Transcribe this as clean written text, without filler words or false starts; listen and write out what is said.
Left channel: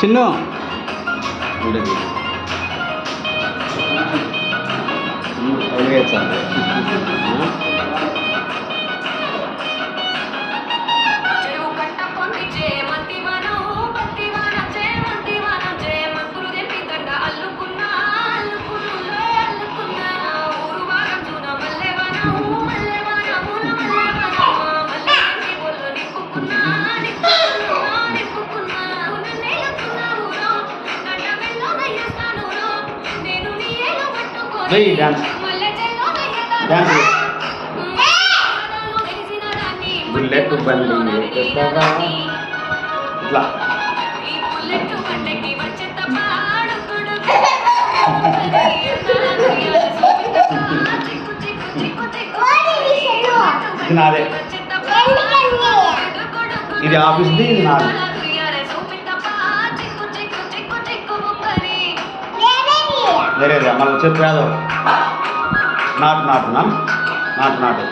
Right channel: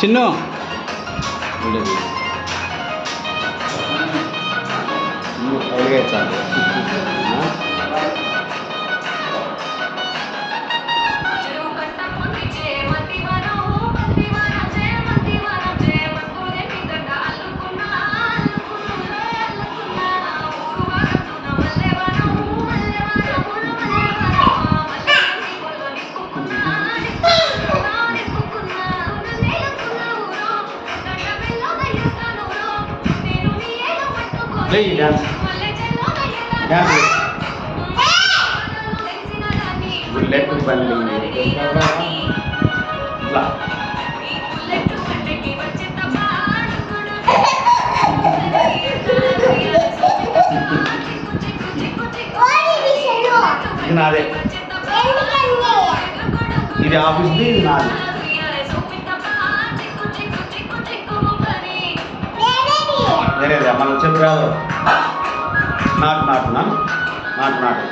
Chinnu bullet బండి ఇట్లా ఇది నాదే, ఇది ఆఫీస్ది, ఇది నాది. వేరే మనం చెప్పు కాదు, నాటు నాటు నాటు నాటు